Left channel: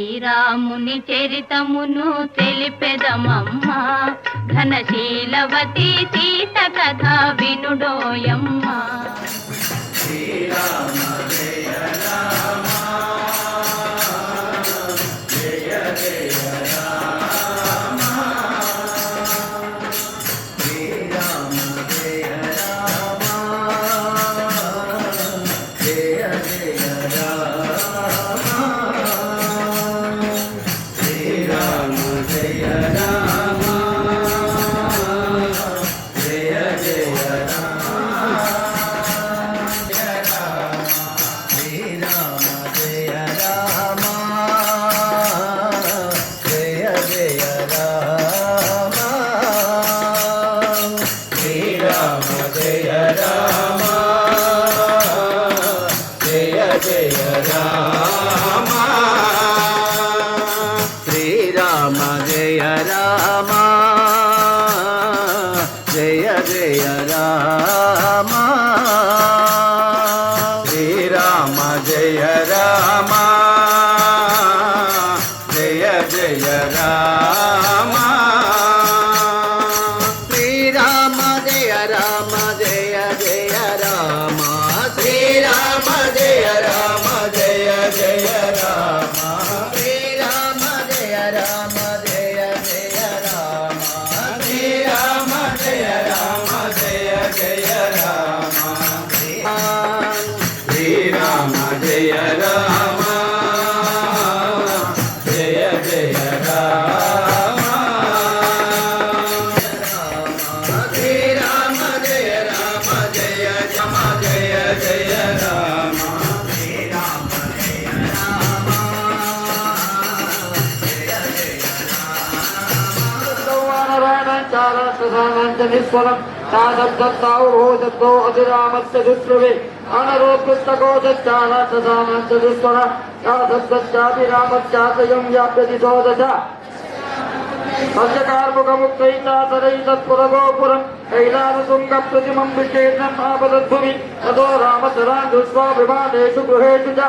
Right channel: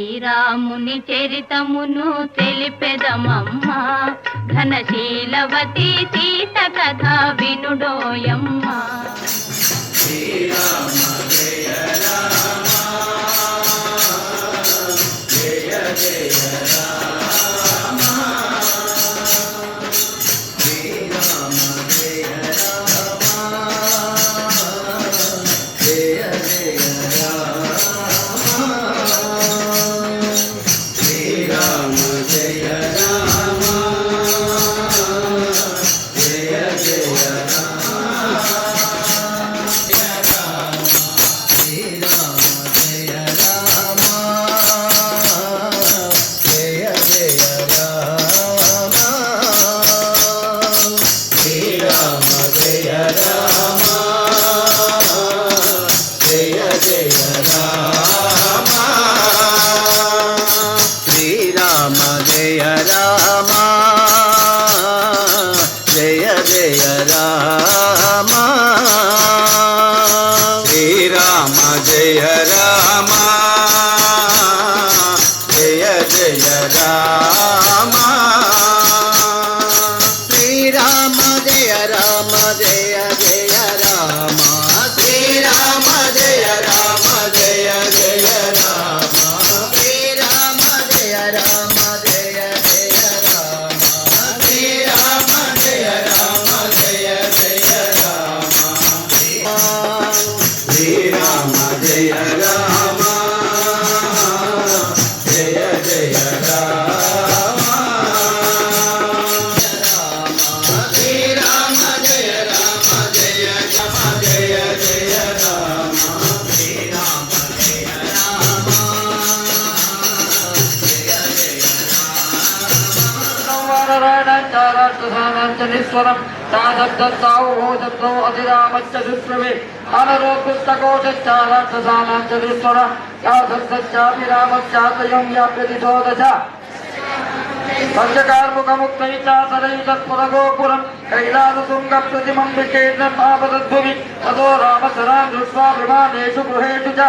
శ్రీరాముని చరితమును తెలిపెదమమ్మా, ఘనశీలవతి సీత కథ వినుడోయమ్మా. శ్రీరామ జయ రామ జయ జయ రామ, శ్రీరామ జయ రామ జయ జయ రామ, శ్రీరామ జయ రామ జయ జయ రామ, జయ రామ జయ జయ రామ, శ్రీరామ జయ రామ జయ జయ రామ, శ్రీరామ జయ రామ జయ జయ రామ, శ్రీరామ జయ రామ జయ జయ రామ, శ్రీరామ జయ రామ జయ జయ రామ, శ్రీరామ జయ రామ జయ జయ రామ, శ్రీరామ జయ రామ జయ రామ జయ జయ రామ, శ్రీరామ జయ రామ జయ జయ రామ. అధిరామచ్చ దుష్ప్రవే అనరోత్కృష్టకోచారామచ్చ యాభిరామశ్చాతయం వ్యాప్యతిశోదశ పంచకార్ముకముక్తైతా సదైతత్పురగోపురం కైలాసశృంగ ప్రతిమం విచేన్నమాపదద్భువి తదో రామసరాం దృష్ట్వా విమానేషు గృహేషు చ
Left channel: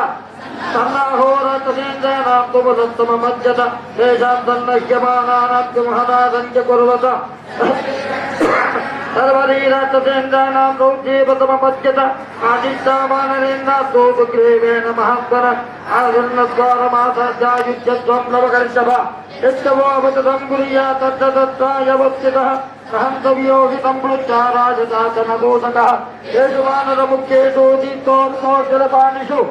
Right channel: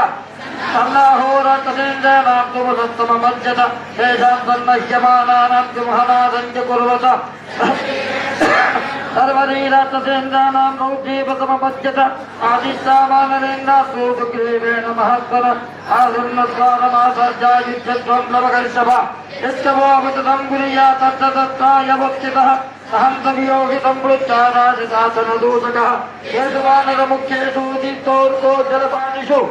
సన్నాహోరాతసేంద్రాణాం తుమసత్తమమజ్జత తేషాం సన్నహ్యమానానాం సింహనాదం చ కుర్వత సర్వరీరాతసేంద్రాణాం రౌద్యేపతమపద్యత ఆదిశ్యామానరేంద్రాస్తో సుగ్రీవేణ మహాత్మన ఆదిర్ణద్వారమాసాధ్యాయుధ్యత్వం నవకర్షభ యశ్చమోపతుతం గురియా తత్తత్వాయవచ్యుతః అహం తవియోగితం పృచ్ఛారాజసాతనదూషకः ఏషు వానరముఖ్యేషు దీప్తోర్తోజ్జలపాణిషు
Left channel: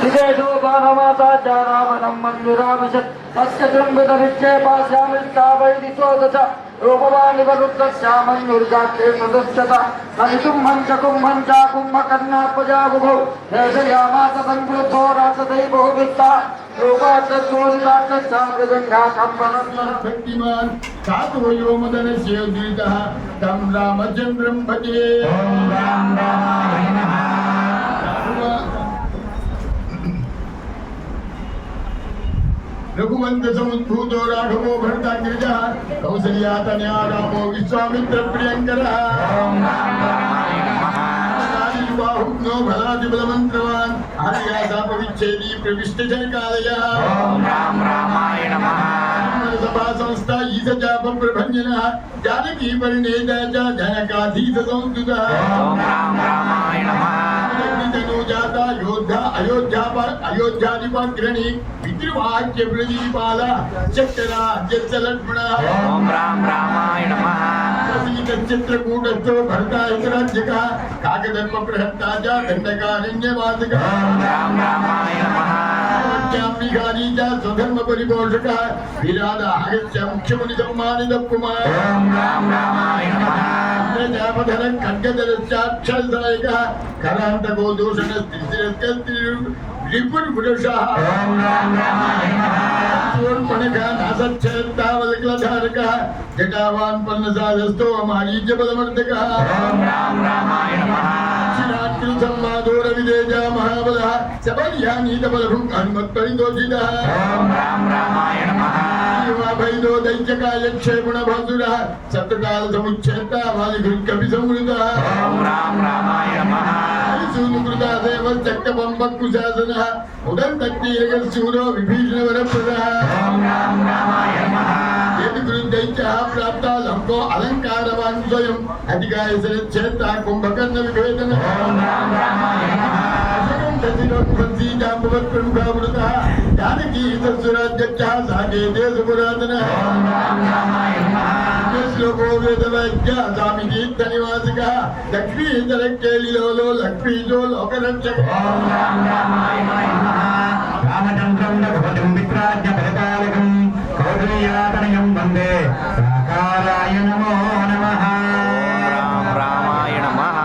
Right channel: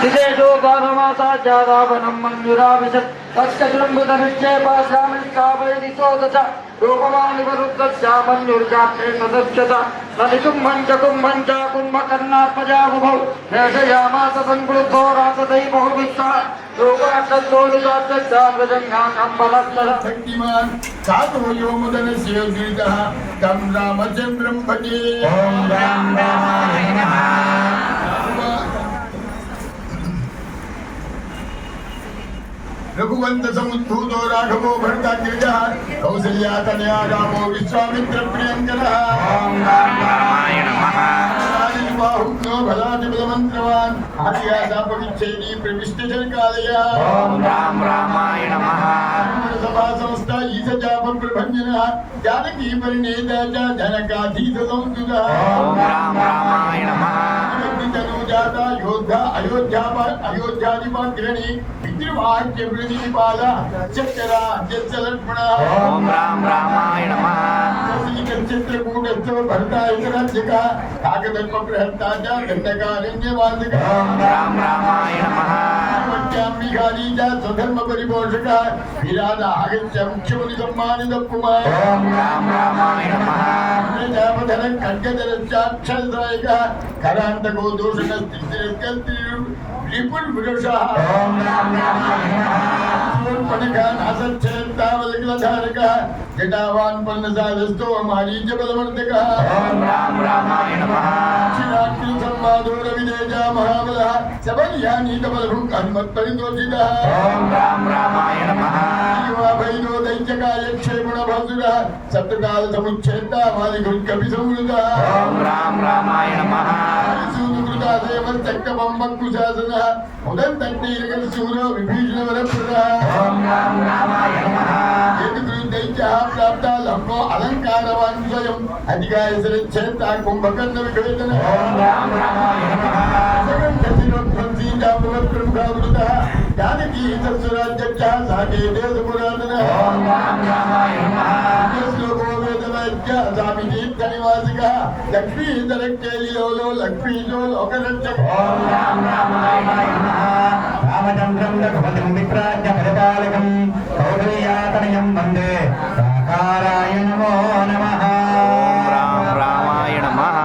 దిశేషు గానమాసాధ్యారావణం మంజురావిశత్ తస్కృంభుతవిక్షేపాశ్యామలికావైదిశోదశ రూపవాణి వరుద్ధ్యామన్యుర్గాప్యేషుదస్యత నలికుంభం చ కుంభం చ కుంభకర్ణాపజాబుభౌ దర్శయామాస సంక్లుద్ధో రాసదై బహువిత్తా శక్తిమాన్ చాతుర్యోమదనస్య దీర్ఘః తం రామచంద్రం భజే. ఓం రామ రామాయ నమః. రఘువంత సముద్భూతో రాఘవో భరతాగ్రజః కౌసల్యాతనయా రామో విశ్వామిత్ర ప్రియంకరః. ఓం రామ రామాయ నమః. బాహుగ్నో ఫలాదిబలమంత్రవాన్ ఆర్యాసాపవిచ్ఛేదీ ప్రవిష్టజనకాలయ. ఓం రామ రామాయ నమః. సభా సంస్థ ఈశచాప ప్రభంజనః జానకీ పరిణేత చ జనకాధీత సంస్తుతః. ఓం రామ రామాయ నమః. జాత యోద్ధ అయోధ్యాధిపగ్రణి పితృవాక్య ప్రతిపాల చక్ర జలక్ష్మణ. ఓం రామ రామాయ నమః. చిత్రకూటస్థో భరతాయుధరాజ్యక కాకధర్మ ప్రహర్తా చ దండకారణ్యవాదక. ఓం రామ రామాయ నమః. స్వధర్మ పరిపోషక విరాద ఆగత్య ముఖ్యముని సమ్మానిత కుమార్. ఓం రామ రామాయ నమః. ప్రజాపధన ఖడ్గదరక్షాక్షాయక కరాంతకో దూషణ రిపుర్ పురుష. ఓం రామ రామాయ నమః. శూర్పణఖ నాసచ్ఛేదావలికలధారక जटावान् पन्नसादस्तो मारीच्यबलमर्दकः ओम राम रामाय नमः श्रीरामकृतसंवादोरविदेजा महाबलः सबल्यानीतबलभुक् हनुमत्परितोषितः ओम राम रामाय नमः भैदो दैत्यकायक्षेपुणभासुरः शत्रुकालसमुच्छेत्ता वालिधुर्कपिसंवृतः ओम राम रामाय नमः सूनुकृतादेवश्चक्रपम्बकुशासनः उदन्तत्तीरकशूरो विभीषणवरप्रदः ओम राम रामाय नमः यदि गुरुदैत्यः प्राप्ता लम्बो अलङ्कारवान् स्वयम् अधिकायसरच्छेत्ता कुम्भकर्णविभेदनः ओम राम रामाय नमः प्रमुखावृतः जानकी सत्सुराध्यक्षः साकेते सुपुरातनः ओम राम रामाय नमः श्लोको वेदवैद्य स्वामितीर्थनिवासिकः लक्ष्मीधरकेलिलोलो लक्ष्मीशो लोकरक्षकः ओम राम रामाय नमः रामचन्द्रं रघुपतिं वित्राज्य परिपालकं कौसल्यातनयं वन्दे साकाराय नमो नमः ओम राम रामाय नमः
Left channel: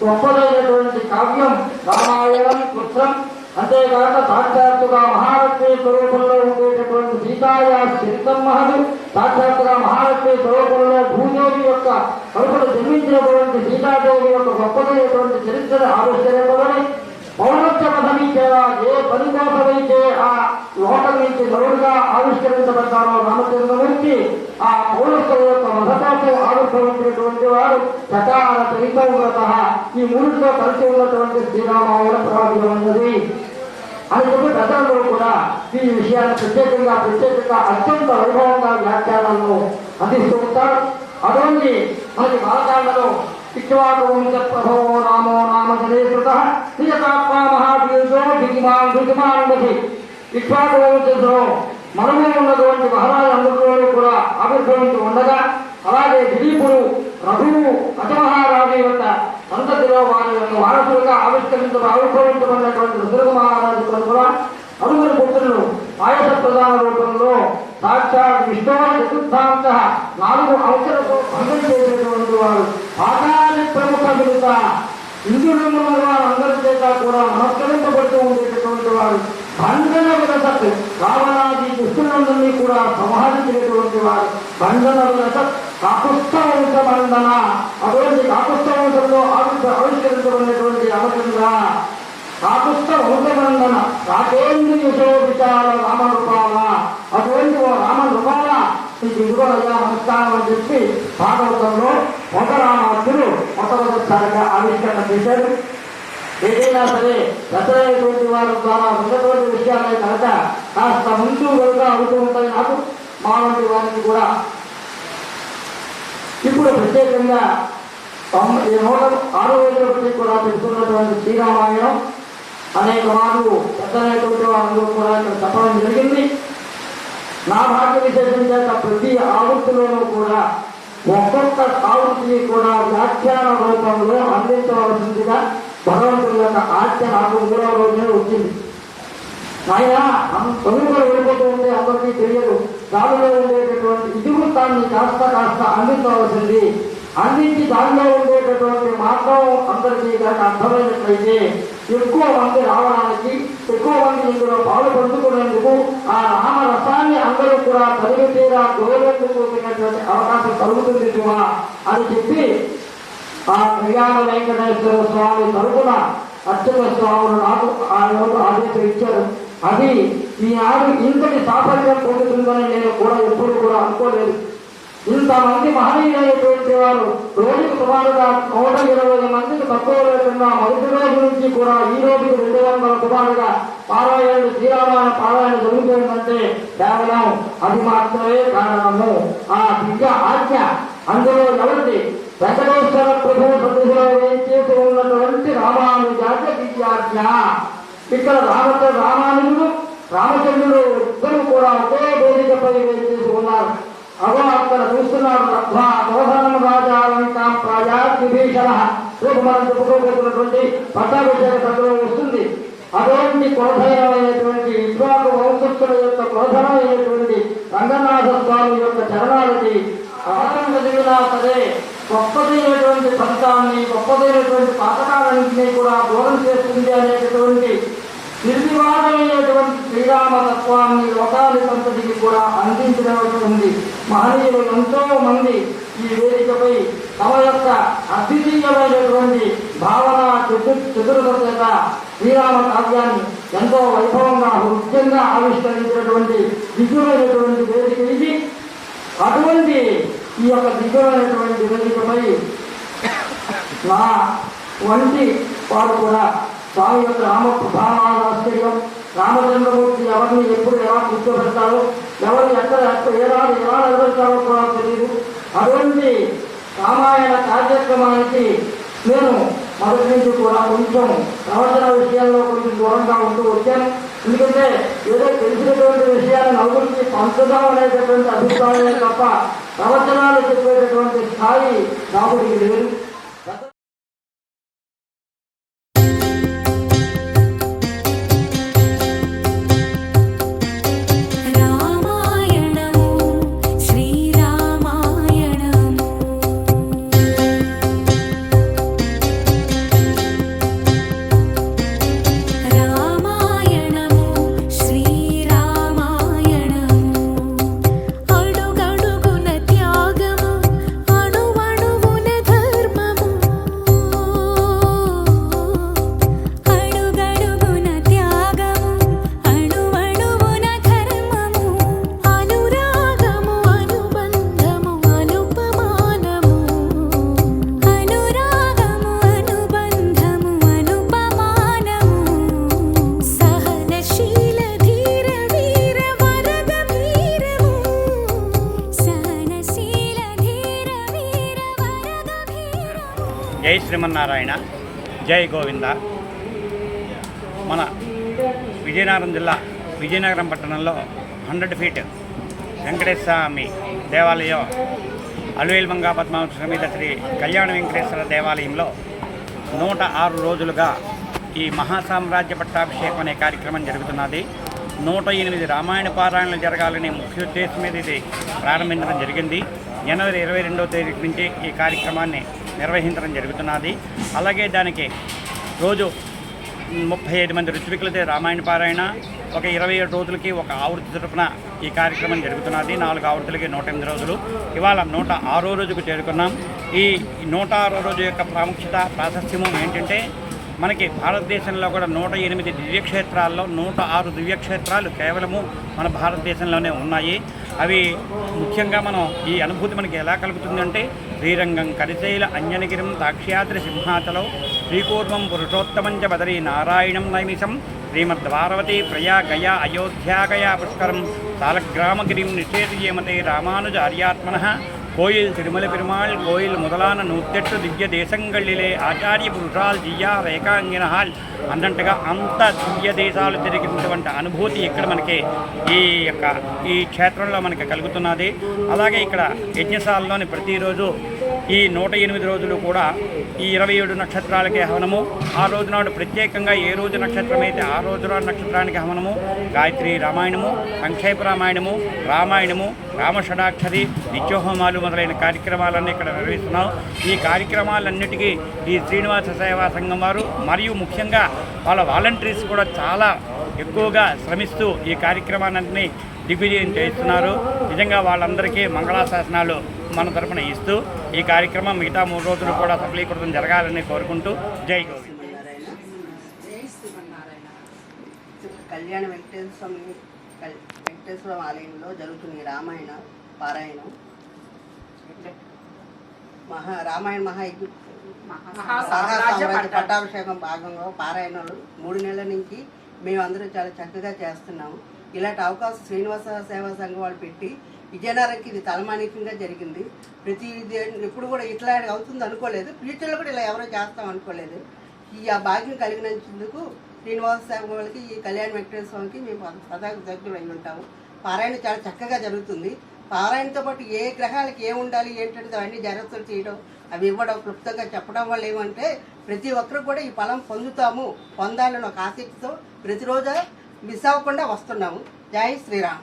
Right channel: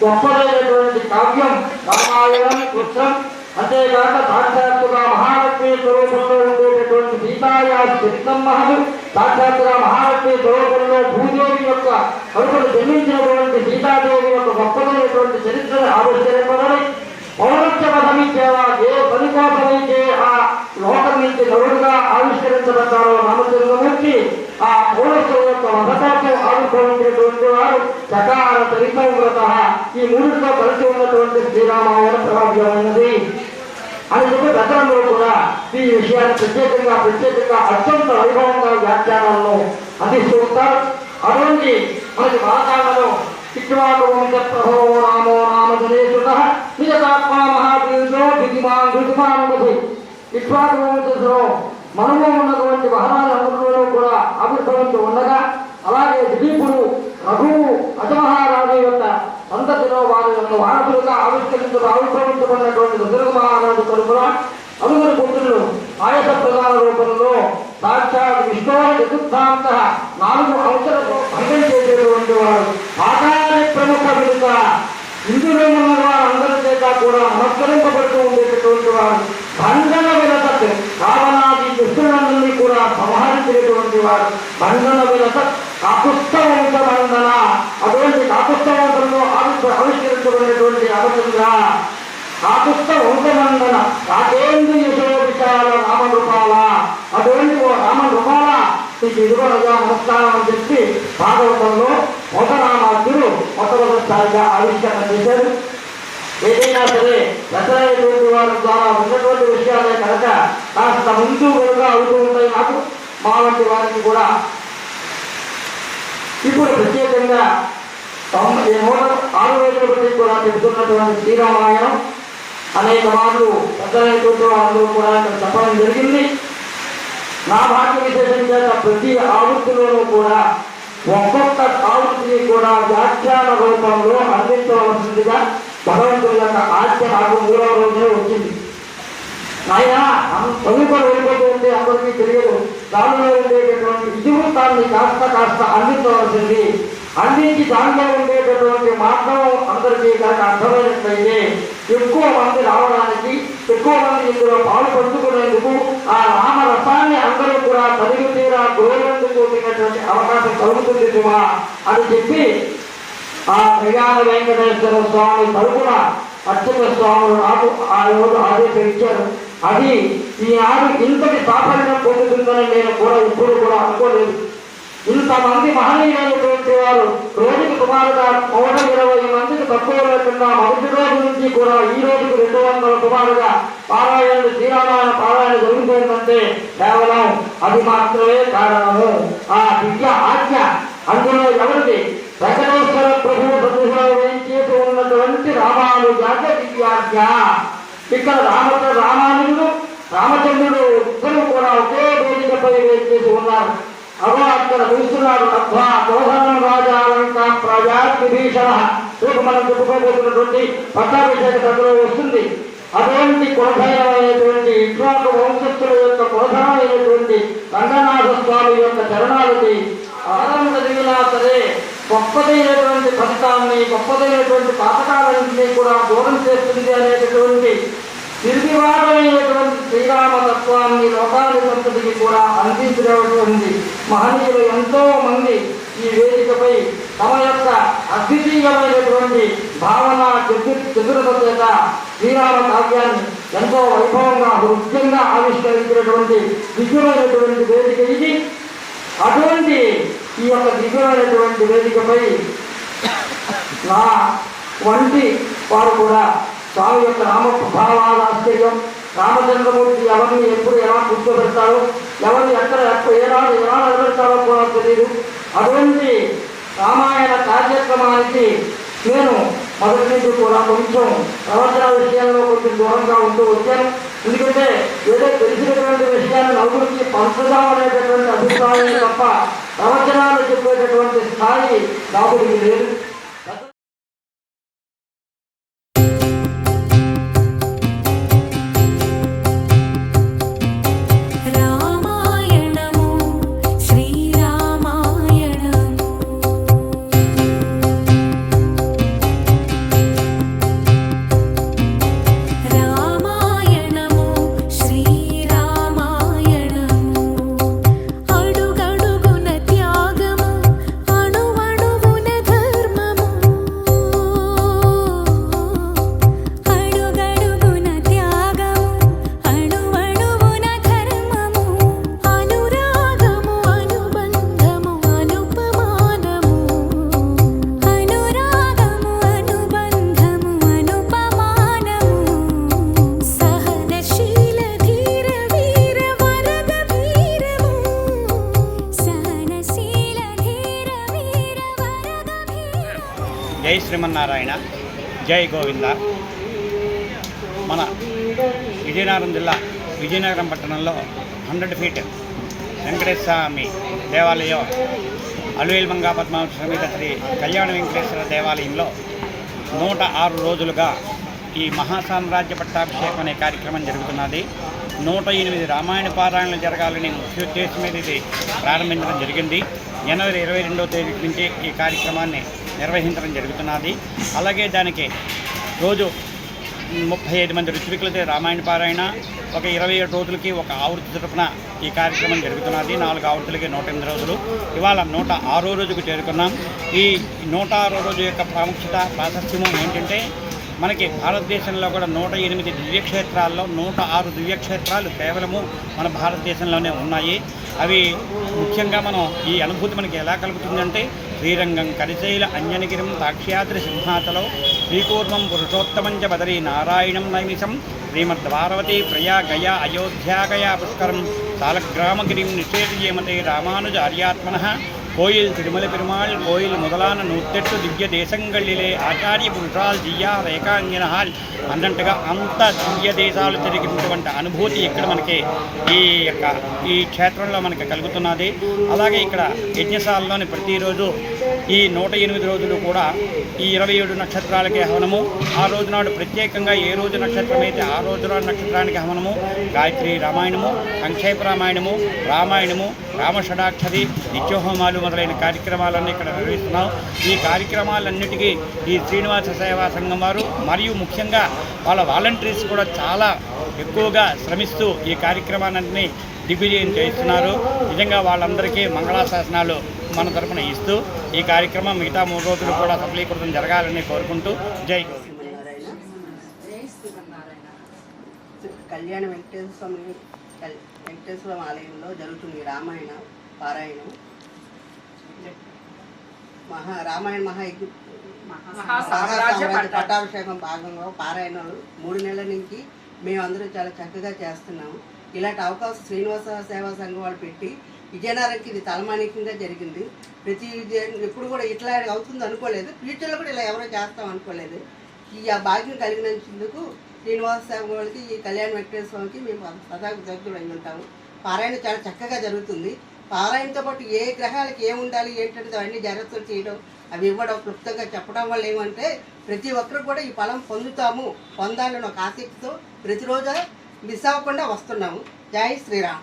గొప్పదైనటువంటి కావ్యం రామాయణం కృష్ణం. అంతేకాక సాక్షాత్తుగా మహాలక్ష్మి స్వరూపంలో ఉండేటటువంటి సీతాయా చరితం మహదు సాక్షాత్తుగా మహాలక్ష్మి స్వరూపంలో భూదేవి యొక్క కడుపును జన్మించినటువంటి సీతాదేవి యొక్క గొప్పదైనటువంటి చరిత్రను ఆవిష్కరించాలని పౌరత్వ సమీక్షగా ఏ పని కోసమైతే ఆ లోకం నుంచి నరుడుగా ఆవిష్కరించబడ్డాడో రామచంద్రమూర్తి ఆ పౌరత్వ యొక్క రథపాత్ర ఆవిర్భవించినటువంటి వారు సకాల చరిత్రవ్రత ఈ మూడులో కలిసి ఉన్నటువంటి శ్రీరామాయణ ప్రారంభమైనది అని చెప్పి గతంలో కూడా ఈ విషయాన్ని ప్రత్యేకంగా అత్యంత వైభవంగా వ్యాఖ్యానాలను అందిస్తూ ఉంటారు. అటువంటి మనకి భారతాలలో ఇక్ష్వాకువంశప్రభో నామో నామ సురేశ్వర నిజాత్మ మహాపురుషో దిగుమానుమతి ఇక్ష్వాకువంశంలో మనమే ఉన్నటువంటి మహారాజులందరిలో కూడా ఆవిర్భవించి ఉండగా అలాగే దిలీపుడు రఘువు అజమహారాజు యొక్క సంతతిలో వారి వారసులుగా ఆవిర్భవించబడినటువంటి దుర్గ మహారాజు తరఫున అనుమతి పుత్రులు ఆయుధ ప్రధాన రూపంలో సాక్షాత్ విష్ణు చతుర్థాంత 4 అంశాలతో భంగం చేసేటువంటి వారు పాఠాన్ని ప్రముఖ విడుక ఇందులో ఉన్న వారందరి చేత కూడా నమస్కరించబడుతూ ఉండేటటువంటి వారు భంగన విరసత్ రావణాది దుష్టులందరినీ కూడా సంహరించేటువంటి వారు భంగన విరసత్ కాకుస్థ వంశమందన అటువంటి కాకుస్థ వంశంలో ఆవిష్కరించబడినటువంటి అవసరంగా కాకుస్థ వంశమందన రాకేంద్ర యశోవిచార రామరూపాల అటువంటి రామరూపాల నీకు ఇదిగోనయ్యా నమస్కారం అని చెప్పి భాగవతంలో మొదలామాత్రులు మొదటిసారిగా ఆవిష్కరణ చేశారు. ఏదైనా సరే ఎదురైనటువంటి వాళ్ళ ద్వారా ఉన్నటువంటి విషయాలే కనుక కాస్త ముందు వెనుక అవుతూ ఉంటాయి. నాకు మా వంటి వారికి కూడా ఇప్పుడు ప్రత్యేకంగా 6 రోజుల బట్టి కూడా పెడుతున్నటువంటి శ్రీరామాయణం అనేక మార్లు పెద్దలైనటువంటి వాళ్ళు కూడా ఇక్కడ చెప్పడం జరిగింది. నా భాగ్య విశేషం చేత ప్రతి ఆవృత్తిలోనూ కూడా ఒక్కొక్క ఆవృత్తిని కూడా వ్యాఖ్యాన రూపంలో అందించవలసిందిగా భగవంతుడి యొక్క ఆజ్ఞ నాకు 3వ రోజునే వచ్చింది. ఆయన చదువుకొని వెళ్ళిపోతూ ఉంటే అందరికీ తెలియదు. దానిలో ఉండేటటువంటి ఇతివృత్తాన్ని కాస్త అందించవలసింది. అందించి దానిలో ఉండేటటువంటి మార్గం అందరికీ కనుక అర్థమైనట్లయితే ఎక్కువ మంది రావడానికి, ఎక్కువ మంది ఇందులో పాలు పంచుకునేందుకు ఆ రామరసాన్ని అందరూ కూడా తరిగి తీరా గౌరవంతో కూడినటువంటి అవకాశం కలుగుతుంది అని చెప్పి ఆ ప్రయాణ వెంకటేశ్వర స్వామి తరపున అర్చక స్వాములు నాకు ఆ రోజు ఆదేశం ఇచ్చారు. అది ఈనాడు ఇంతటి సాఫల్యం పొందుతుందని నేను కూడా ఎప్పుడు కూడా అనుకోలేదు. ఇంతమంది మహనీయులైనటువంటి వారు రోజుకు సుమారుగా 120 మందికి తక్కువ లేకుండా మొదటి రోజు నుంచి కూడా ఈ రోజుకు 200 సుమారుగా పారాయణ శ్రీరామాయణ పారాయణ జరుగుతుందంటే కేవలం అది మాత్రమే కారణము. ఆ దివ్య ఆజ్ఞ అందులో ఎవరిది? వెంకటేశ్వర ప్రభువు సన్నిధిలో వేయించేసి ఉన్నటువంటి రామానుజాత దివ్యాజ్ఞ. ఇక్కడ రామానుజుడు రామచంద్రుడు ఇద్దరు కూడా ఒకే వేదికపై వేయించేసి ఉన్నారు. అలా అక్కడ చూస్తున్నాడు. విభీషణ రేపు మనం చెప్పుకోబోతున్నటువంటి పట్టాభిషేక కథలో వస్తుంది. అటువంటి కులభైనమైనటువంటి ఇట్లాంటి వంశస్థుల యొక్క కులభైనటువంటి రంగనాథ స్వామి యొక్క చరణాలకి ఆనంద దిగినా సరే గొప్పదైనటువంటి ఫలితాన్ని, గొప్పదైనటువంటి కాపకాలన్నింటినీ కూడా దూరం చేస్తుంది అనేటటువంటి నిర్వివాదమైనటువంటి శ్రీరామతత్వాన్ని లోకానికి సంతతికి కూడా అందించినటువంటి మహనీయులు ఎంతో మంది ఈ వేదికపై తమ యొక్క అద్వితీయమైనటువంటి భావన చతురత చేత శ్రీరామ కావ్యాన్ని ఎంతో వైభవంగా హృద్యంగా ఆవిష్కరించినటువంటి దివ్యమైనటువంటి వేదిక ఇది. అటువంటి ఈ యొక్క దివ్యమైనటువంటి వేదికపై నా వంటి వారు కూడా స్వామి యొక్క భావాల ఆశ్చర్యం, రామచంద్రమూర్తి ఎవరిని ఎప్పుడు ఎలా కూర్చోబెడతారో, ఎవరిని ఎక్కడ ఏనాడు ఎలా నిలబెడతారో కూడా తెలియదు. అటువంటి రామాయణ కార్యక్రమానికి నేను మొదటి నుంచి కూడా కొంచెం ప్రవచన విషయాల్లో కొంచెం దూరంగా ఉంటూ వచ్చాను. ఎందుకంటే ఏదో తెలిసినటువంటి విషయాన్ని నలుగురికి పంచుదామనేటటువంటి అభిప్రాయం తప్ప ప్రవచనాలు చెప్పేటటువంటి స్థాయి నాకు లేదు. జై శ్రీమన్నారాయణ, జై గోవింద. మన విజయనగరం జిల్లా విజయనగరం పట్టణంలో 100 ఫీట్ వెంకటేశ్వర స్వామి దేవాలయం అలువేల్మంగా పద్మావతి సమేత శ్రీ కళ్యాణ వెంకటేశ్వర దేవాలయంలో 106 రోజులుగా ఈ మహాసామ్రాజ్య పట్టాభిషేకం అనే కార్యక్రమం జరుగుతున్నది. 108 రామాయణ పారాయణలు జరగాలని ముఖ్య ఉద్దేశం మీద ఇది ప్రారంభించడం జరిగింది. జనవరి 22వ తేదీ నుంచి ఈ కార్యక్రమాన్ని నిర్వహించడం జరుగుతున్నది. అలాగే దానికి రోజు 35 మంది ఋత్వికులతో రామాయణ పారాయణ, ఒక 27 రోజులకి ఒక ఆవృత్తి తరపున ఈ కార్యక్రమం జరుగుతున్నది. 4 ఆవృత్తులకి 108 రోజులు. ఇవాళ 106వ రోజుకు చేరుకున్నాం. ఈ 106వ రోజు యొక్క ప్రాముఖ్యత ప్రాశస్త్యము ఏంటంటే, మనకి భారతదేశంలో కూడా 108 దివ్యక్షేత్రాల్లో 106 దివ్యక్షేత్రాలు కేవలము మన భారతదేశంలోనే ఉన్నాయి. అవి ముఖ్యంగా మనం ఈ అనుభూతి మనకి ఎలా కలుగుతుందంటే శ్రీరంగం కరిశైల అంజనగిరం తాక్ష్యాద్రి సింహాచలం శ్రీకూర్మం పురుషోత్తమం చ బదరీ నారాయణం నైమిషం శ్రీమద్వారవతి ప్రయా గయా అయోధ్యా గయా పుష్కరం సాలగ్రామగిరిం నిషేధియమతే రామానుజార్యాత్మనః கோயில் திருமலை பெருமாள் கோயில் முதலான 108 దివ్య దేశంగళ్ళిలే ఆచార్య పురుషాల్ జియా రేఖాంగినహాల్ అన్నట్టుగా అంత దివ్య దేశాలు తిరిగినటువంటి అనుభూతి ఇక్కడ మనకి ఈ క్షేత్రంలో మనకి కలుగుతున్నది. అలాగే ఇక్కడ యజ్ఞశాలలోని ప్రతిరోజు ఈ 108 రోజులు కూడా ఈ 27 నక్షత్రాలకి హవనము, ఆ రోజు నాడు ప్రత్యేకంగా ఏ రోజు నక్షత్రం అయితే ఆ రోజు నాడు నక్షత్రానికి హవనము, గాయత్రి రామాయణము, సంక్షేప రామాయణము, రామాయణము, రామషడాక్షరి, నిత్యోహోమాలు మొదలైన కార్యక్రమాలన్నీ ఇక్కడ నిర్వహిస్తున్నాం. ఈ కార్యక్రమాలన్నిటికీ ఈ శ్రీనివాస సేవా సంఘం వారు మరియు ముఖ్యంగా వాళ్ళ వాలంటీర్స్ కూడా చాలా ఎక్కువగా శ్రమిస్తూ ఈ కార్యక్రమాలన్నీ దిగ్విజయం చేస్తున్నారు. నిజంగా వాళ్ళందరికీ మంగళాశాసనాలు మన తరపున ఇస్తూ ఈ కార్యక్రమం మిగతా 3 రోజులు కూడా సఫలీకృతం జరగాలని కోరుకుంటూ జై గోవింద్. కళ్యాణ వెంకటేశ్వర ఆలయంలో జరుగుతుంది రామాయణ పారాయణం. రామాయణ మహాసామ్రాజ్య పట్టాభిషేకం భాగంగా పారాయణాలు 3 నెలల నుంచి మేమందరం చాలా చక్కగా చేస్తున్నాము. ఇలాంటి అవకాశం శ్రీనివాస సేవా సంఘం వాళ్ళు పెట్టి విజయనగరంకి ఇది తలమానికంగా జరిగింది. ఎప్పుడు కూడా ఇట్లా అవుతుంది అనుకోలేదు, ఫ్యూచర్లో కూడా ఇలా ఎవరో చేస్తాం అనుకోలేదు. ఈ భాగ్యం కలిగినందుకు శ్రీనివాస సేవ వాళ్ళకి ఈ కళ్యాణ వెంకటేశ్వర స్వామికి మేము సదా కృతజ్ఞులై ఉంటాము. పారాయణ చాలా చక్కగా జరుగుతుంది. పారాయణతో పాటు ఏ గ్రహాలకి ఏం ఉండాలి ఏంటంటే అవన్నీ జాగ్రత్తలు చేయడం, అవి ఇవ్వడం, క్లుప్తంగా చెప్పడం వల్ల ఏమంటే ప్రతి ఒక్కరు కూడా ఈ ఫలం పొందాలని ఒక ఆసక్తితో ప్రతిరోజు మిస్ అవ్వకుండా వస్తున్నాము. జై శ్రీరామ్.